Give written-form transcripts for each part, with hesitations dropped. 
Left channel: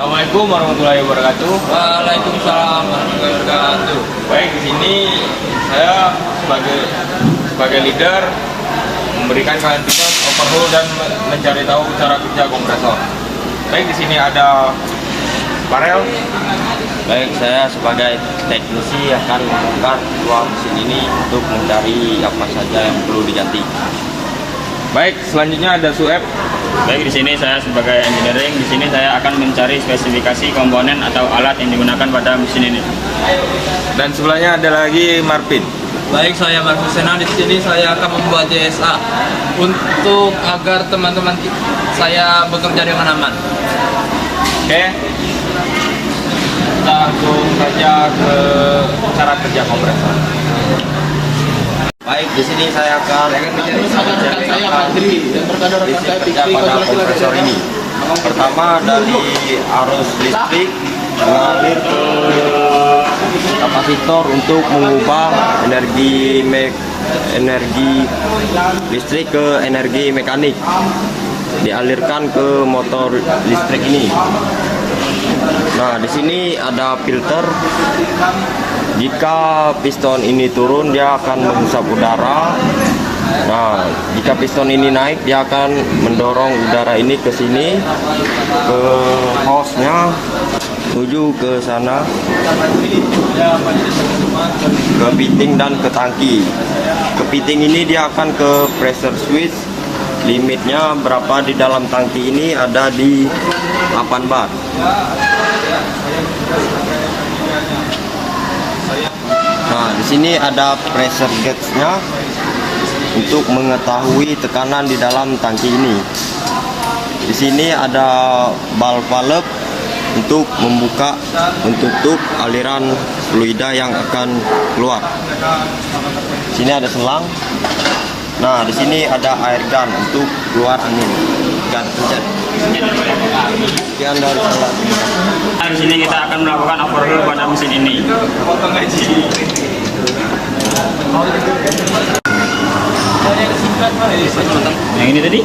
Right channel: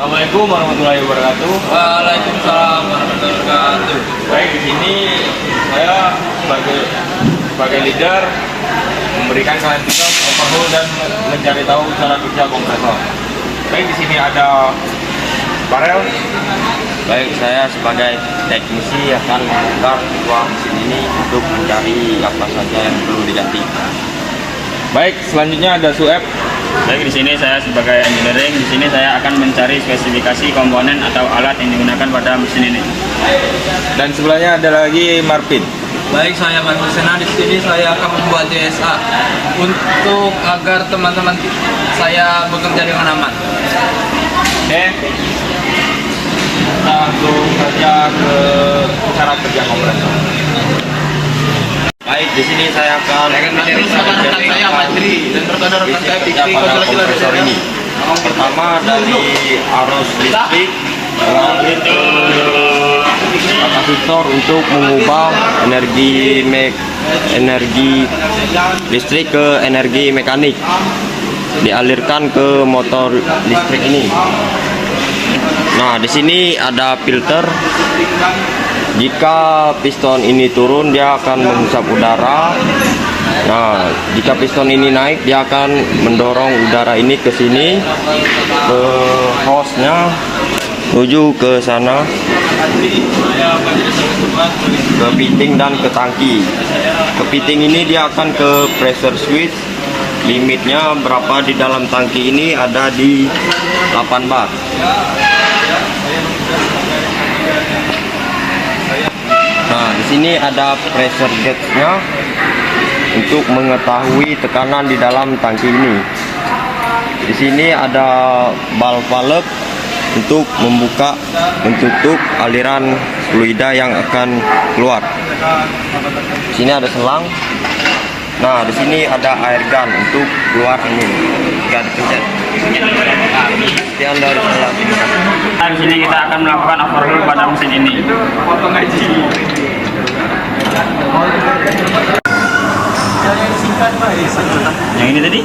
Assalamualaikum warahmatullahi wabarakatuh. Waalaikumsalam warahmatullahi wabarakatuh. Baik, di sini saya sebagai leader memberikan kalian tugas overhaul dan mencari tahu cara kerja kompresor. Baik, di sini ada Farel. Baik, saya sebagai teknisi akan memutar ruang mesin ini untuk mencari apa saja yang perlu diganti. Baik, selanjutnya ada Sueb. Baik, di sini saya sebagai engineering. Di sini saya akan mencari spesifikasi komponen atau alat yang digunakan pada mesin ini. Dan sebelahnya ada lagi Marvin. Baik, saya Marfusena. Di sini saya akan membuat DSA untuk agar teman-teman saya bekerja dengan aman. Oke. Kita langsung saja ke cara kerja kompresor. Baik, di sini saya akan Rekan saya Madri dan rekan saya kerja Fikri pada kompresor ini. Pertama, dari arus listrik mengalir ke kapasitor untuk mengubah energi listrik ke energi mekanik, dialirkan ke motor listrik ini. Nah, di sini ada filter. Jika piston ini turun, dia akan menghisap udara. Nah, jika piston ini naik, dia akan mendorong udara ini ke sini, ke hose-nya, menuju ke sana, ke fitting dan ke tangki. Ke fitting ini dia akan ke pressure switch. Limitnya berapa di dalam tangki ini ada di 8 bar. Nah, di sini ada pressure gauge-nya untuk mengetahui tekanan di dalam tangki ini. Di sini ada valve untuk membuka dan tutup aliran fluida yang akan keluar. Di sini ada selang. Nah, di sini ada air gun untuk keluar angin. Gun pencet. Sekian dari saya. Nah, di sini kita akan melakukan overhaul pada mesin ini. Yang ini tadi?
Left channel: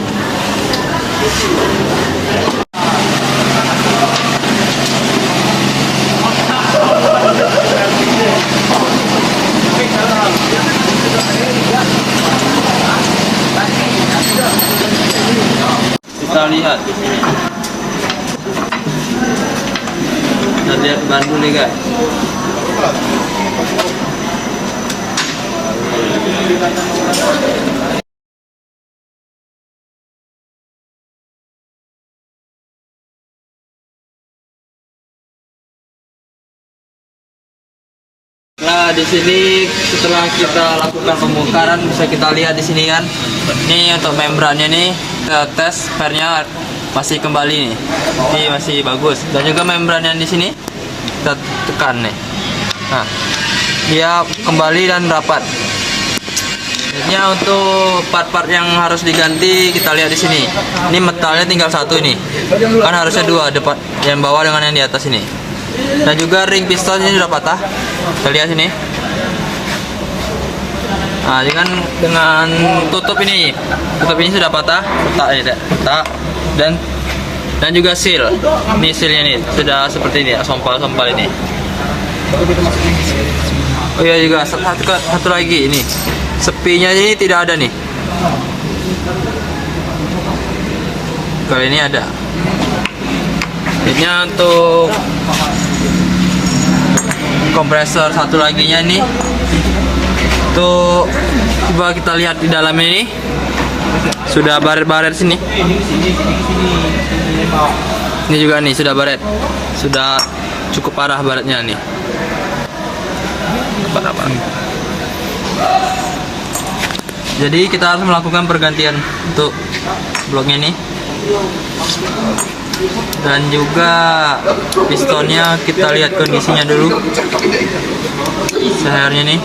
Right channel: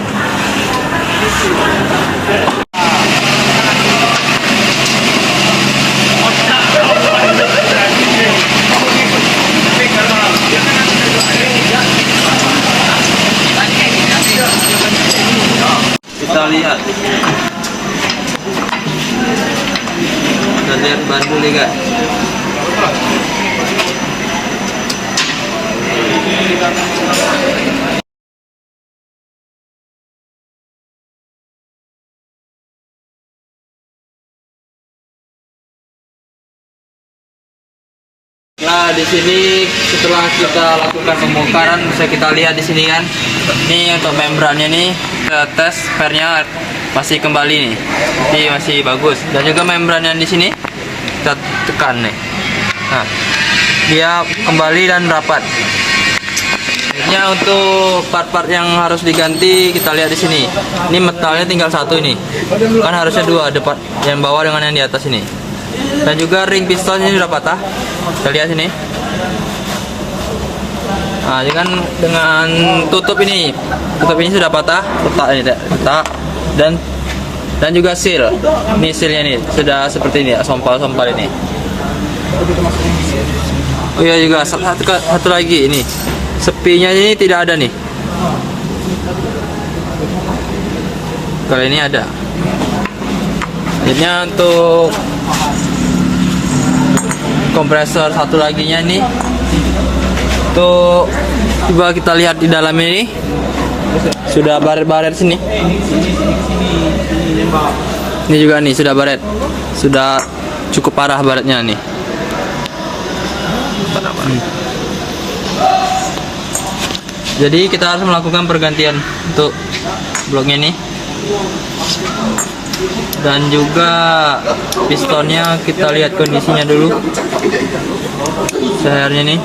Kita lihat. Kita lihat bandul nih, Kak. Nah, di sini setelah kita lakukan pembongkaran bisa kita lihat di sini kan. Ini untuk membrannya nih, kita tes spare-nya masih kembali nih. Ini masih bagus. Dan juga membran yang di sini kita tekan nih. Nah, dia kembali dan rapat. Ini untuk part-part yang harus diganti kita lihat di sini. Ini metalnya tinggal satu ini. Kan harusnya dua, depan yang bawah dengan yang di atas ini. Dan juga ring piston ini sudah patah. Kita lihat sini. Nah, dengan tutup ini sudah patah, retak ini, retak. Dan juga seal. Ini sealnya ini sudah seperti ini, sompal-sompal ini. Oh iya, juga satu lagi ini. Sepinya ini tidak ada nih. Kali ini ada. Ini untuk kompresor satu laginya nih. Tuh, coba kita lihat di dalam ini. Sudah baret-baret sini. Ini juga nih sudah baret. Sudah cukup parah baretnya nih. Parah. Jadi kita harus melakukan pergantian untuk bloknya nih. Dan juga pistonnya kita lihat kondisinya dulu. Sehernya nih.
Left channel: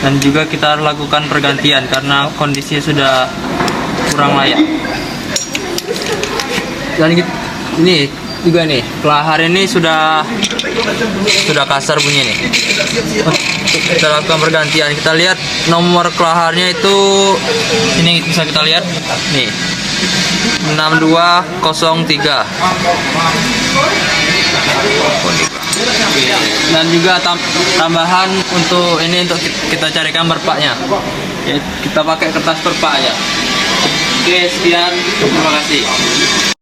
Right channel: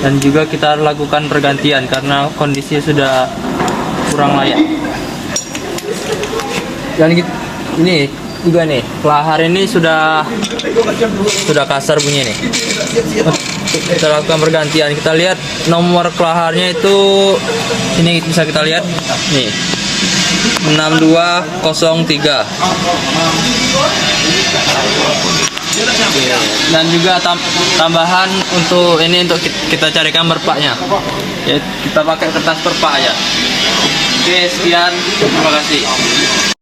Dan juga kita harus lakukan pergantian karena kondisi sudah kurang layak. Dan ini juga nih, kelahar ini sudah kasar bunyi nih. Kita lakukan pergantian. Kita lihat nomor kelaharnya itu ini bisa kita lihat nih. 6203. Dan juga tambahan untuk ini, untuk kita carikan perpaknya. Ya, kita pakai kertas perpak aja. Oke, sekian. Terima kasih.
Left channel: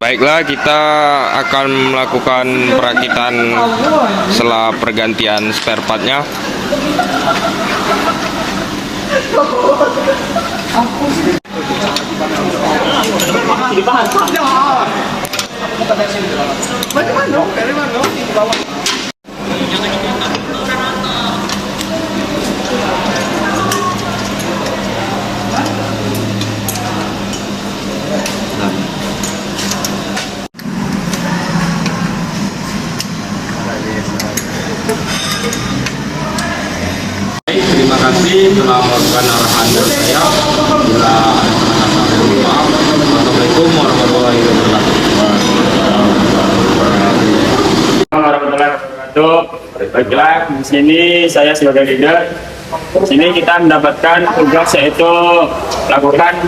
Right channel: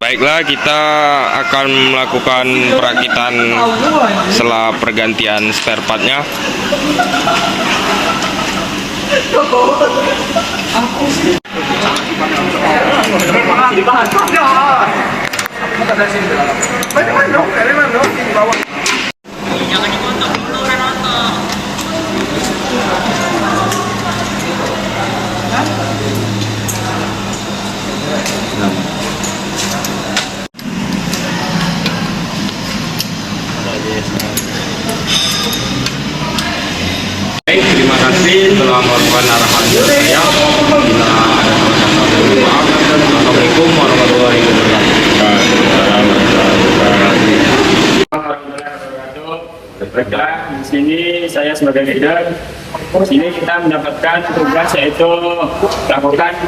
Baiklah, kita akan melakukan perakitan setelah pergantian spare partnya. Baik, terima kasih telah melakukan arahan saya. Bila ada salah-salah, mohon maaf. Assalamualaikum warahmatullahi wabarakatuh. Warahmatullahi wabarakatuh. Baiklah, di sini saya sebagai leader. Di sini kita mendapatkan tugas yaitu lakukan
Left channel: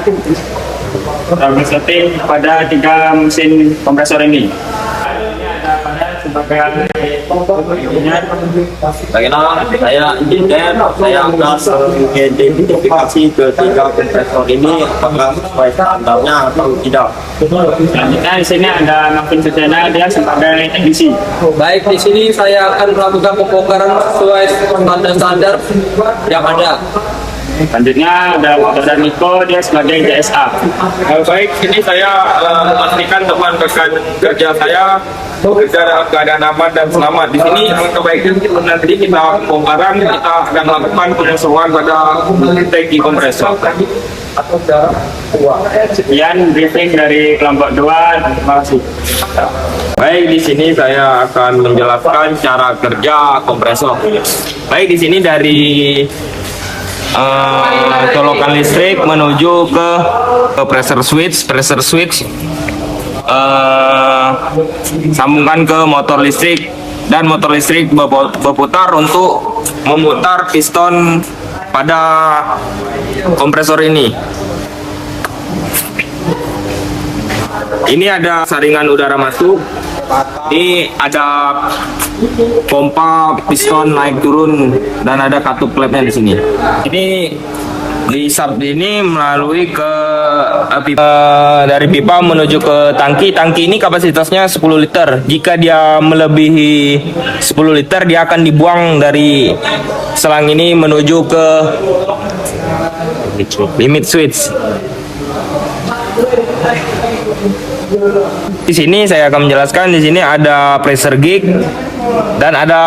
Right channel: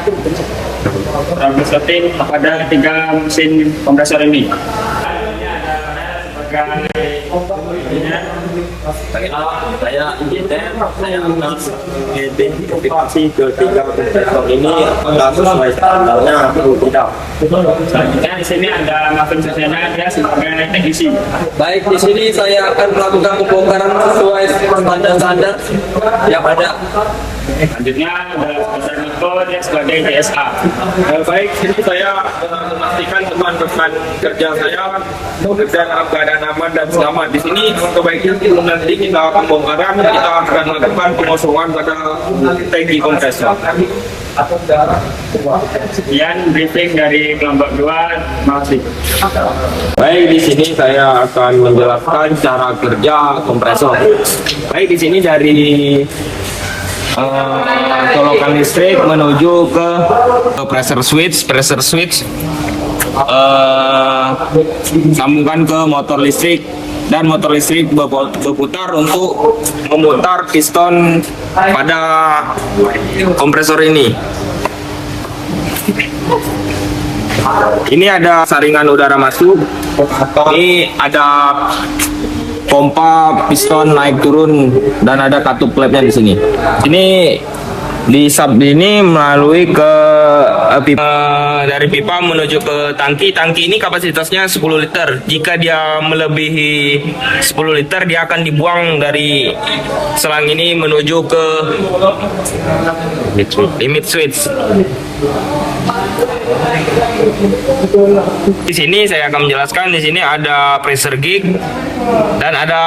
troubleshooting pada 3 mesin kompresor ini. Sebagai Saya ingin saya akan mengidentifikasi ketiga kompresor ini apakah sesuai standarnya atau tidak. selanjutnya di sini ada Marvin Susena, dia sebagai teknisi. Baik, di sini saya akan melakukan pembongkaran sesuai standar-standar yang ada. Selanjutnya ada Saudara Niko, dia sebagai DSA. Baik, ini saya memastikan teman rekan kerja saya bekerja dalam keadaan aman dan selamat. Di sini alangkah baiknya nanti kita pembongkaran, kita akan melakukan pengosongan pada tangki kompresor. Sekian briefing dari kelompok 2. Terima kasih. Baik, di sini saya akan menjelaskan cara kerja kompresor. Baik, di sini dari colokan listrik menuju ke pressure switch, sambungkan ke motor listrik, dan motor listrik berputar untuk memutar piston pada kompresor ini. Ini ada saringan udara masuk. Ini ada pompa piston naik turun dan ada katup klepnya di sini. Ini di sub ini melalui ke dari pipa menuju ke tangki. Tangki ini kapasitasnya 10 liter. Jika dia melebihi 10 liter, dia akan dibuang dari selang ini menuju ke limit switch. Di sini saya akan menjelaskan, di sini ada pressure gauge dan ada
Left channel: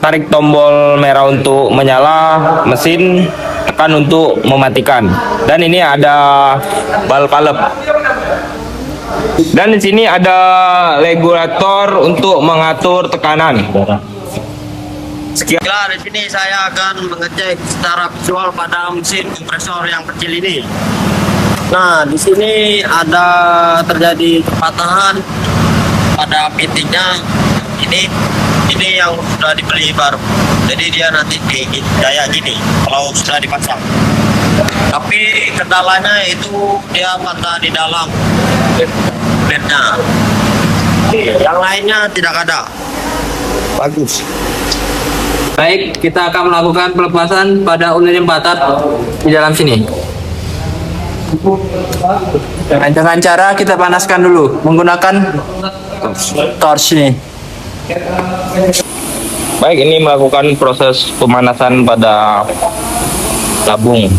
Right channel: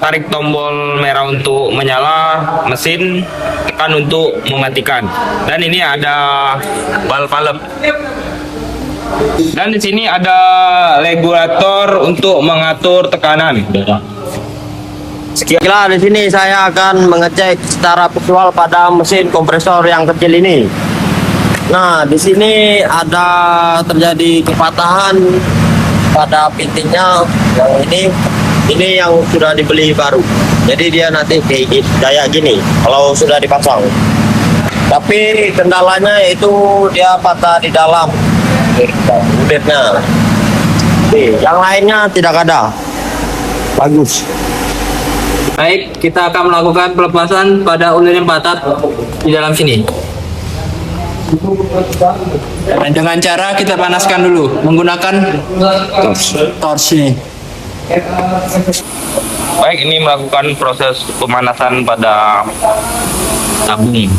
tarik tombol merah untuk menyala mesin, tekan untuk mematikan. Dan ini ada valve. Dan di sini ada regulator untuk mengatur tekanan. Sekian, di sini saya akan mengecek secara visual pada mesin kompresor yang kecil ini. Nah, di sini ada terjadi kepatahan pada pitiknya yang ini yang sudah dibeli baru. Jadi dia nanti kayak gini kalau sudah dipasang. Tapi kendalanya itu dia patah di dalam kulitnya. Yang lainnya tidak ada. Bagus. Baik, kita akan melakukan pelepasan pada ulir yang patah di dalam sini. Nah, dengan cara kita panaskan dulu menggunakan torch ini. Baik, ini melakukan proses pemanasan pada tabung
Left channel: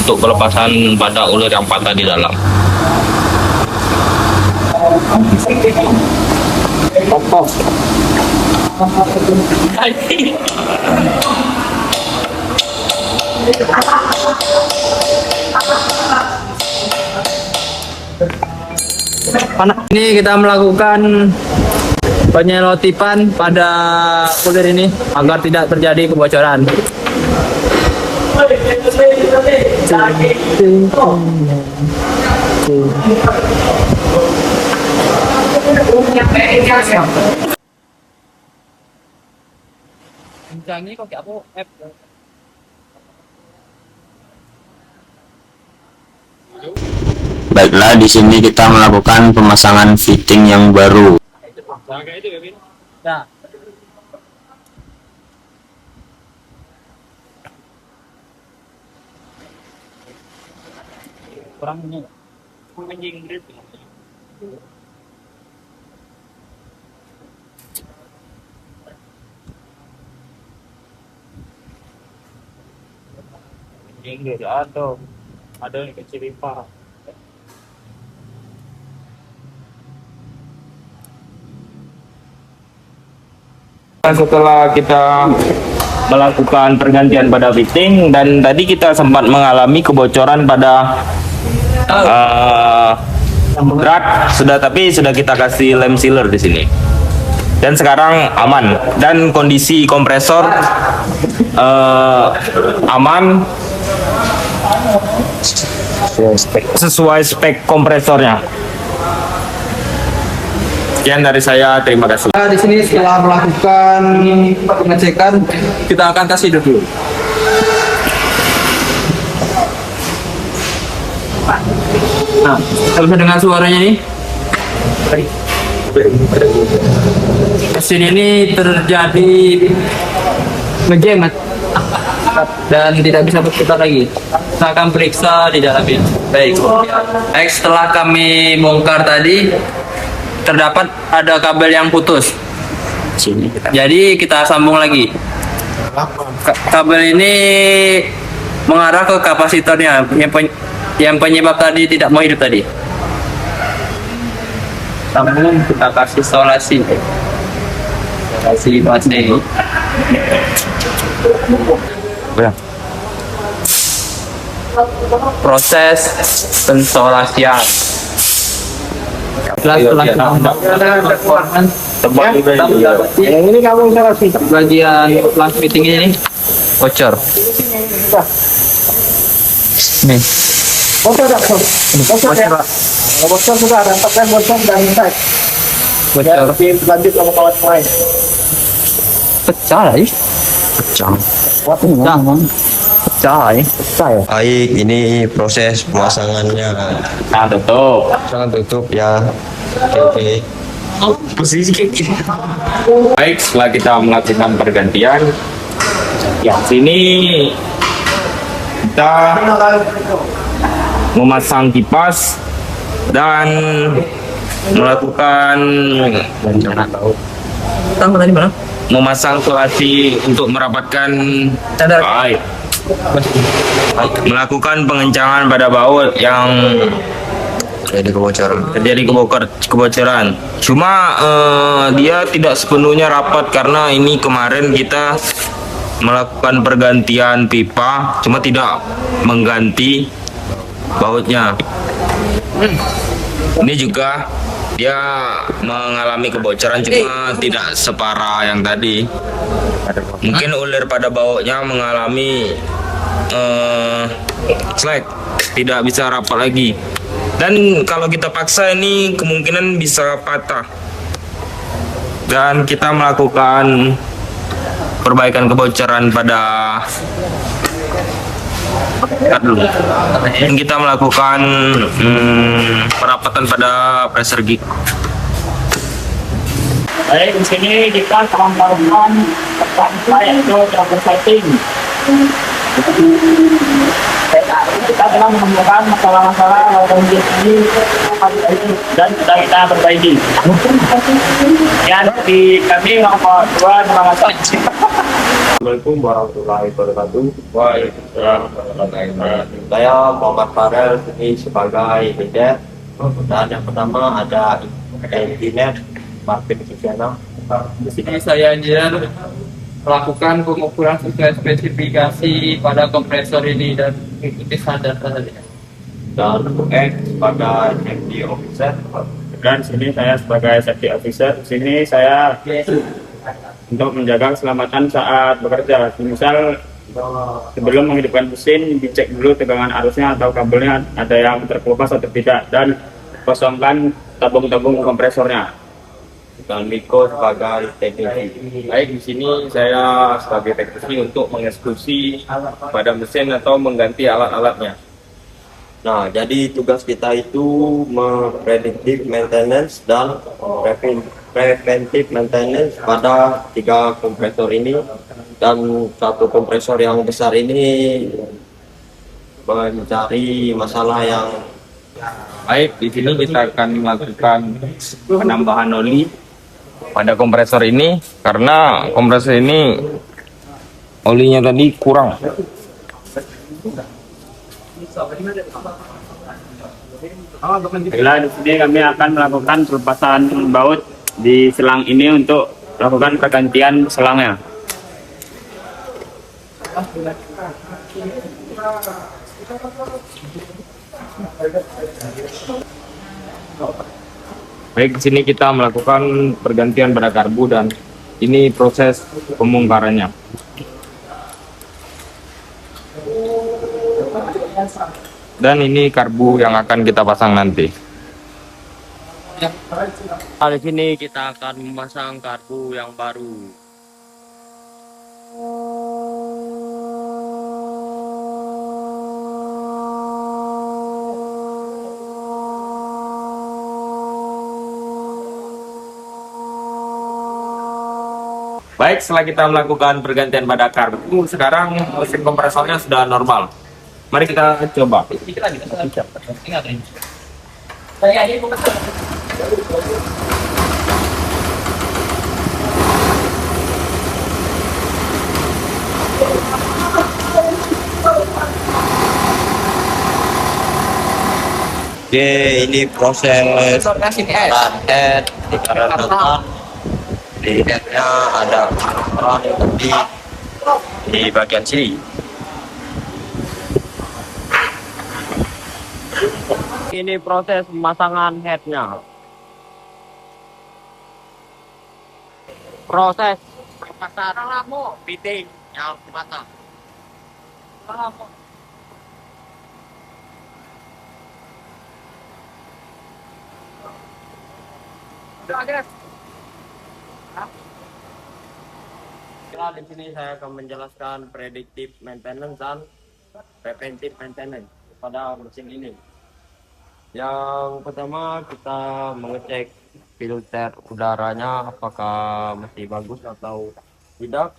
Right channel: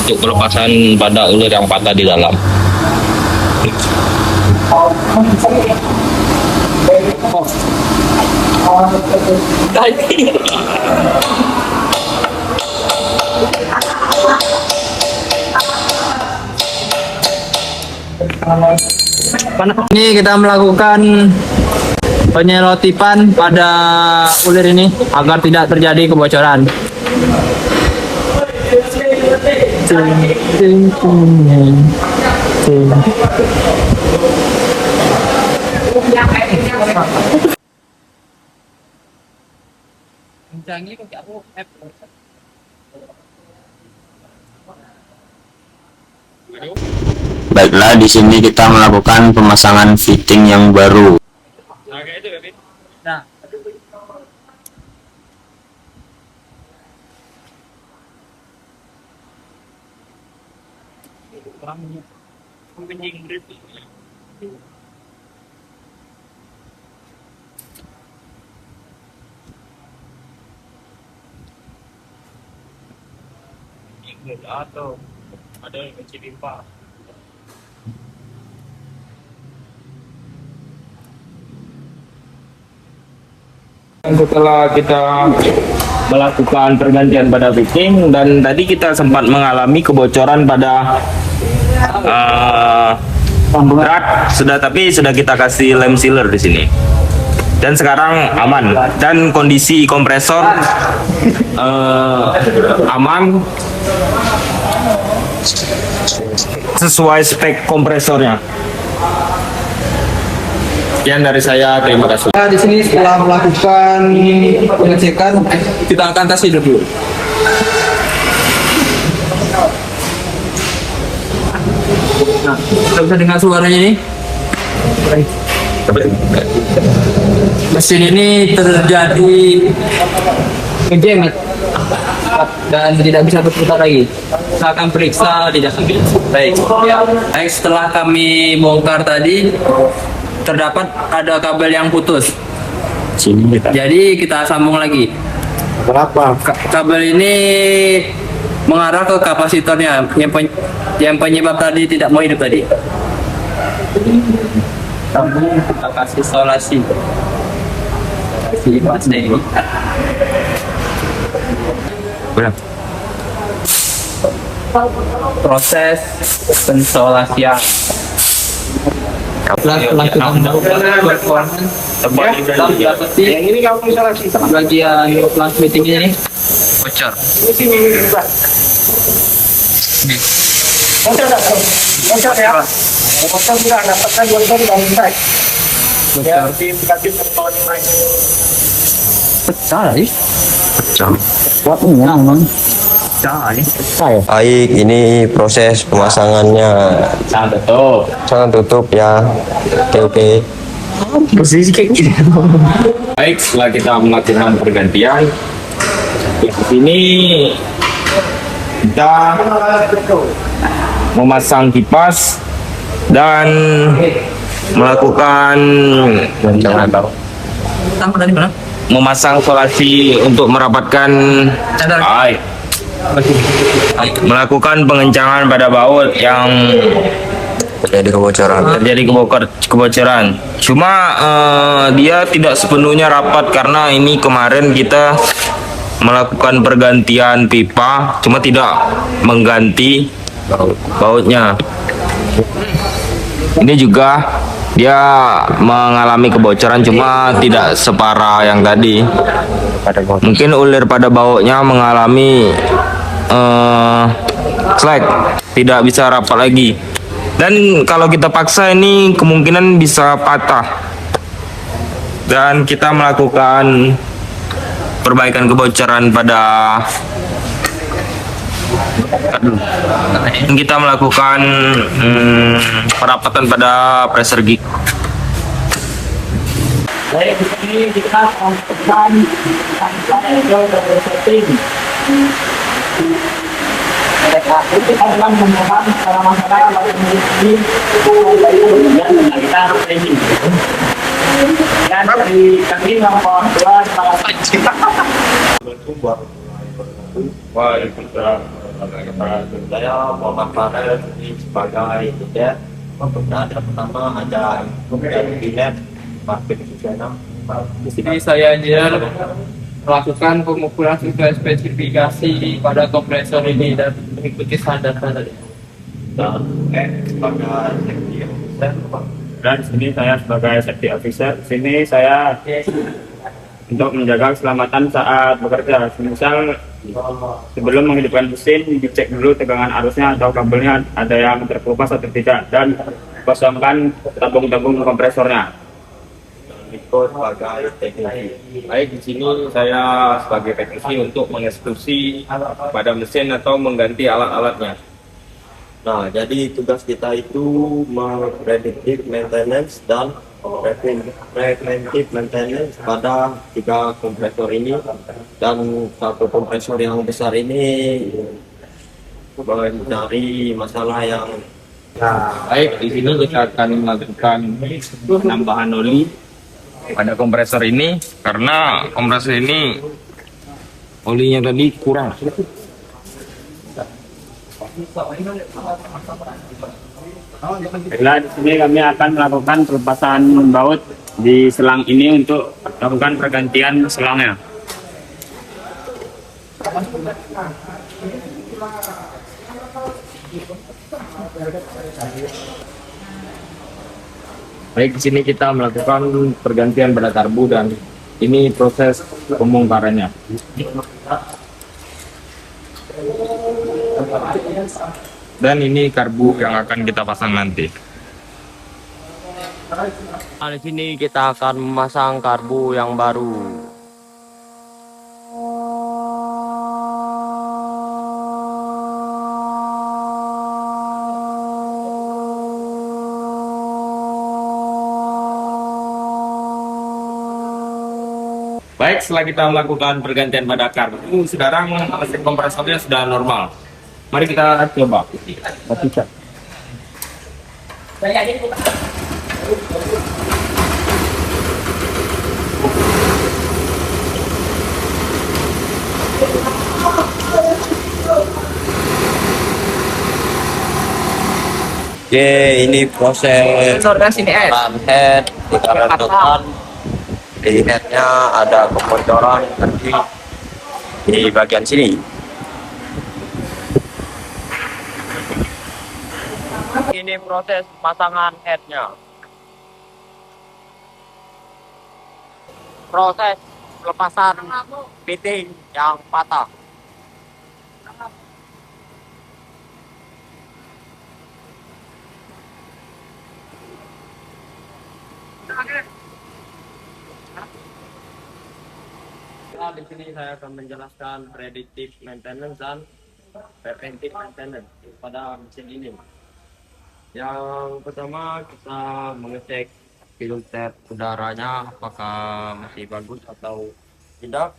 untuk pelepasan pada ulir yang patah di dalam. Ini kita melakukan penyelotipan pada ulir ini agar tidak terjadi kebocoran. Baiklah, di sini kita melakukan pemasangan fitting yang baru. Ada yang kecil limpah. Setelah kita melakukan pergantian pada fitting, dan tadi kita sempat mengalami kebocoran pada drat, tapi sudah kita kasih lem sealer di sini. Dan sekarang aman, dan kondisi kompresor aman sesuai spek kompresornya. Sekian dari saya, terima kasih. Di sini setelah melakukan pengecekan, kita akan tes hidup dulu. Nah, kita bisa dengar suaranya nih. Mesin ini terjadi ngejam dan tidak bisa berputar lagi. Kita akan periksa di dalamnya. Baik. Baik, setelah kami bongkar tadi, terdapat ada kabel yang putus. Jadi kita sambung lagi. Kenapa? Kabel ini mengarah ke kapasitornya yang penyebab tadi tidak mau hidup tadi. Sambung, kita kasih isolasi. Kasih pasang. Proses pensolasian. Setelah kita melakukan performance, kita mendapati bagian plant fitting ini bocor. Nih. Bocor ya. Bocor sudah dapatkan bocor dari inside. Bocor. Lanjut sama kawan lain. Pecah ya? Pecah. Baik, ini proses pemasangannya. Jangan tutup ya. Oke. Baik, setelah kita melakukan pergantian, ya sini kita memasang kipas dan melakukan memasang isolasi untuk merapatkan air. Melakukan pengencangan pada baut yang terjadi kebocoran. Cuma dia tidak sepenuhnya rapat karena ini kemarin kita melakukan pergantian pipa, cuma tidak mengganti bautnya. Ini juga dia mengalami kebocoran, cuma tidak separah yang tadi. Mungkin ulir pada bautnya mengalami slack, tidak bisa rapat lagi. Dan kalau kita paksa ini kemungkinan bisa patah. Dan kita melakukan perbaikan kebocoran pada kita melakukan perapatan pada pressure gig. Baik, di sini kita akan melakukan yaitu trouble setting. Kita telah menemukan masalah-masalah kondisi dan sudah kita perbaiki. Yang di kami nomor 2 terima kasih. Assalamualaikum warahmatullahi wabarakatuh. Waalaikumsalam warahmatullahi wabarakatuh. Saya Muhammad Farel ini sebagai leader. Dan yang pertama ada engineer Martin Susana. Di sini saya engineer melakukan pengukuran sesuai spesifikasi pada kompresor ini dan mengikuti standar-standarnya. Dan pada safety officer. Dan di sini saya sebagai safety officer. Di sini saya untuk menjaga keselamatan saat bekerja. Misal sebelum menghidupkan mesin dicek dulu tegangan arusnya atau kabelnya ada yang terkelupas atau tidak, dan kosongkan tabung-tabung kompresornya. Dan Miko sebagai teknisi. Baik, di sini saya sebagai teknisi untuk mengeksekusi pada mesin atau mengganti alat-alatnya. Nah, jadi tugas kita itu memprediktif maintenance dan preventive maintenance pada 3 kompresor ini, dan satu kompresor yang besar ini mencari masalah yang Baik, di sini kita akan melakukan penambahan oli pada kompresor ini karena kompresor ini olinya tadi kurang. Baiklah, di sini kami akan melakukan pelepasan baut di selang ini untuk melakukan pergantian selangnya. Baik, di sini kita melakukan pergantian pada karbu dan ini proses pembongkarannya. Dan ini karbu yang akan kita pasang nanti. Nah, di sini kita akan memasang karbu yang baru. Baik, setelah kita melakukan pergantian pada karbu, sekarang mesin kompresornya sudah normal. Mari kita coba. Oke, ini proses karan head dikarenakan di headnya ada kebocoran tadi di bagian sini. Ini proses pemasangan headnya. Proses pelepasan fitting yang patah. Di sini saya akan menjelaskan predictive maintenance dan preventive maintenance pada mesin ini. Yang pertama, kita mengecek filter udaranya apakah masih bagus atau tidak.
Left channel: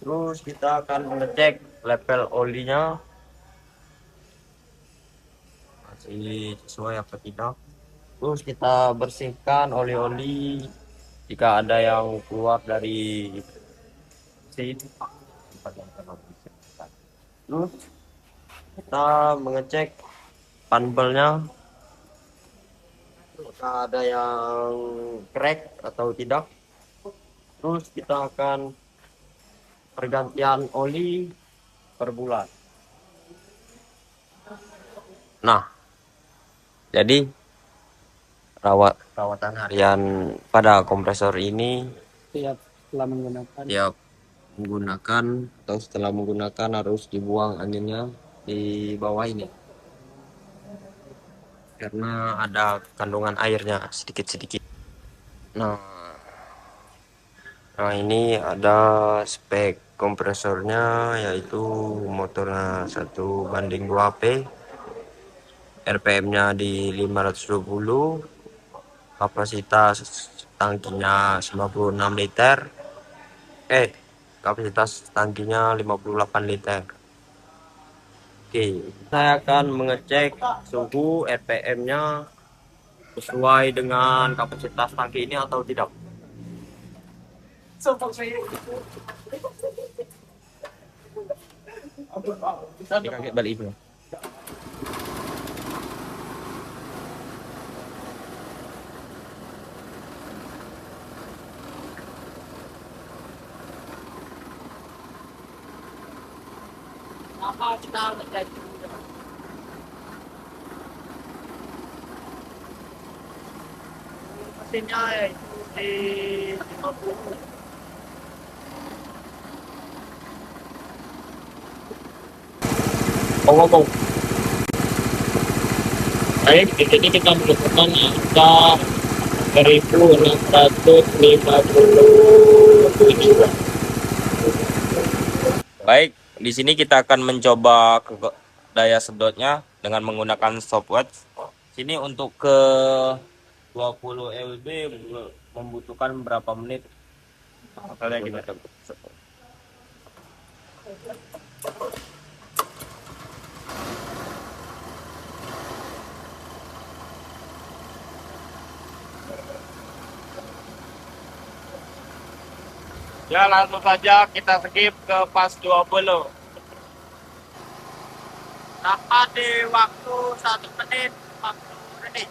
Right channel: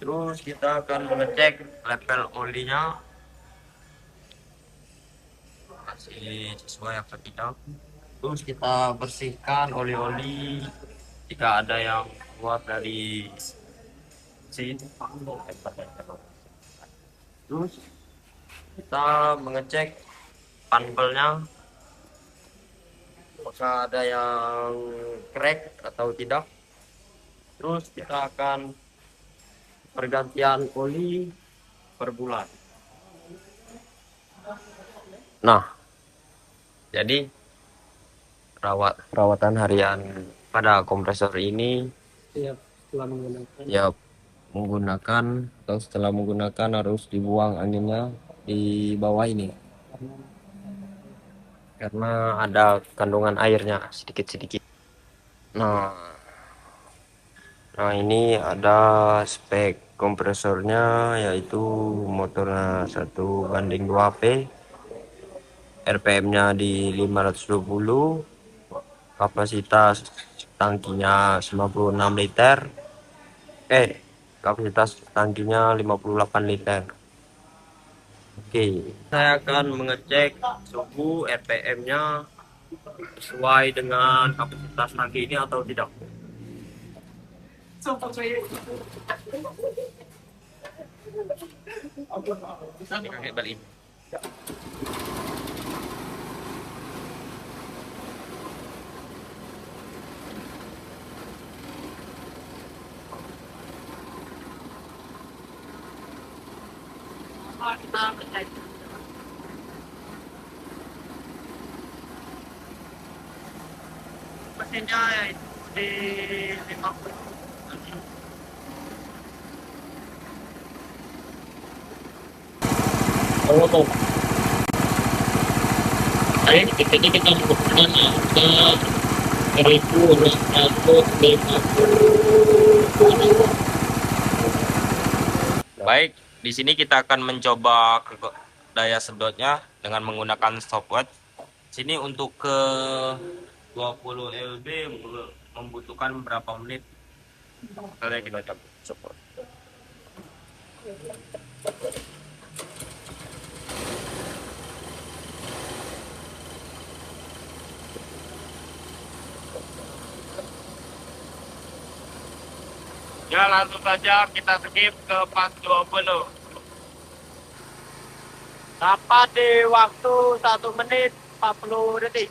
Terus kita akan mengecek level olinya masih sesuai atau tidak. Terus kita bersihkan oli-oli jika ada yang keluar dari mesin. Terus kita mengecek panbelnya apakah ada yang crack atau tidak. Terus kita akan pergantian oli per bulan. Nah, jadi perawatan harian pada kompresor ini ya menggunakan atau setelah menggunakan harus dibuang anginnya di bawah ini karena ada kandungan airnya sedikit-sedikit. Nah, ini ada spek kompresornya, yaitu motornya 1:2P, RPM-nya di 520, kapasitas tangkinya 96 liter, kapasitas tangkinya 58 liter. Oke, saya akan mengecek suhu RPM-nya sesuai dengan kapasitas tangki ini atau tidak. Mesinnya di 50. Ngomong. Baik, di sini kita menemukan angka 1650. Baik, di sini kita akan mencoba daya sedotnya. dengan menggunakan stopwatch. Sini untuk ke 20 lb membutuhkan berapa menit? Kalian juga stopwatch. Ya, langsung saja kita skip ke pas 20. Dapat di waktu 1 menit 40 detik.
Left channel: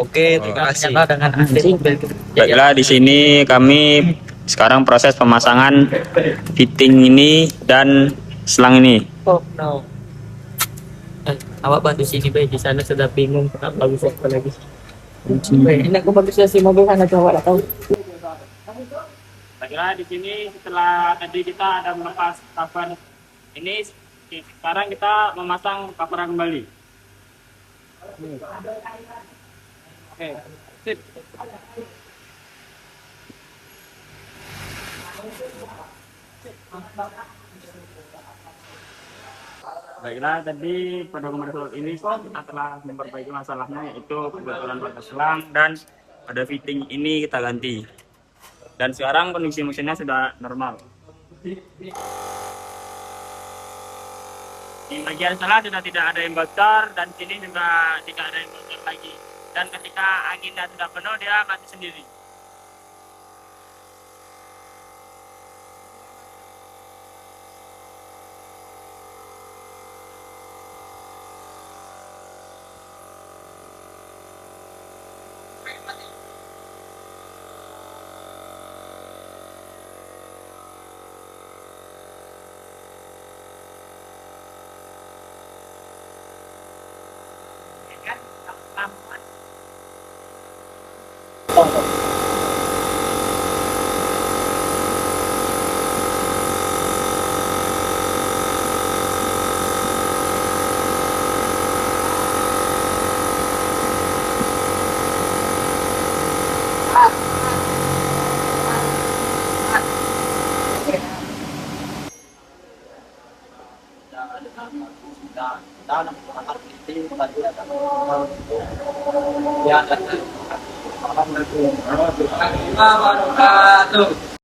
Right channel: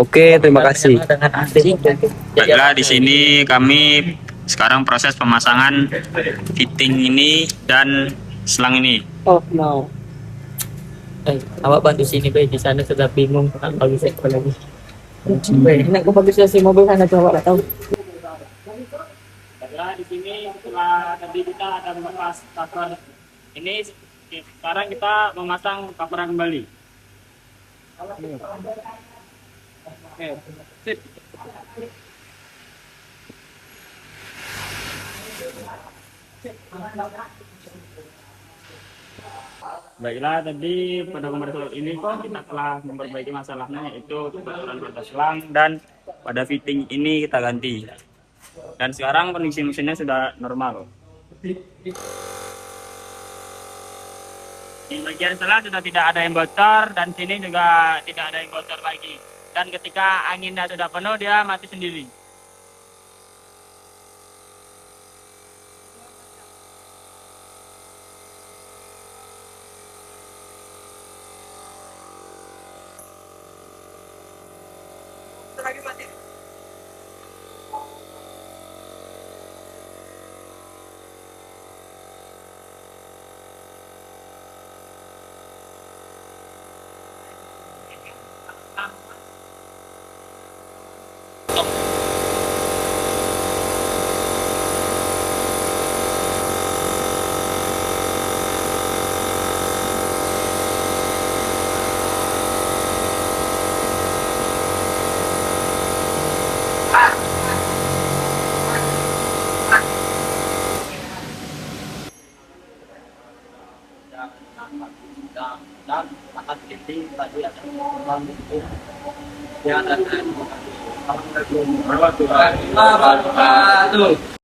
Oke, terima kasih. Baiklah, di sini kami sekarang proses pemasangan fitting ini dan selang ini. Oh no. Awak bantu sini be, di sana sudah bingung kenapa bisa apa lagi. Ini aku bagus sih mobil sana coba lah tahu. Baiklah, di sini setelah tadi kita ada melepas cover ini, sekarang kita memasang cover kembali. Oke, sip. Baiklah, tadi pada komersial ini kita telah memperbaiki masalahnya, yaitu kebetulan pada selang dan pada fitting ini kita ganti. Dan sekarang kondisi mesinnya sudah normal. Di bagian selang sudah tidak ada yang bocor dan sini juga tidak ada yang bocor lagi. Dan ketika anginnya sudah penuh, dia mati sendiri. Dan akan titik tadi ada ya, Assalamualaikum warahmatullahi wabarakatuh.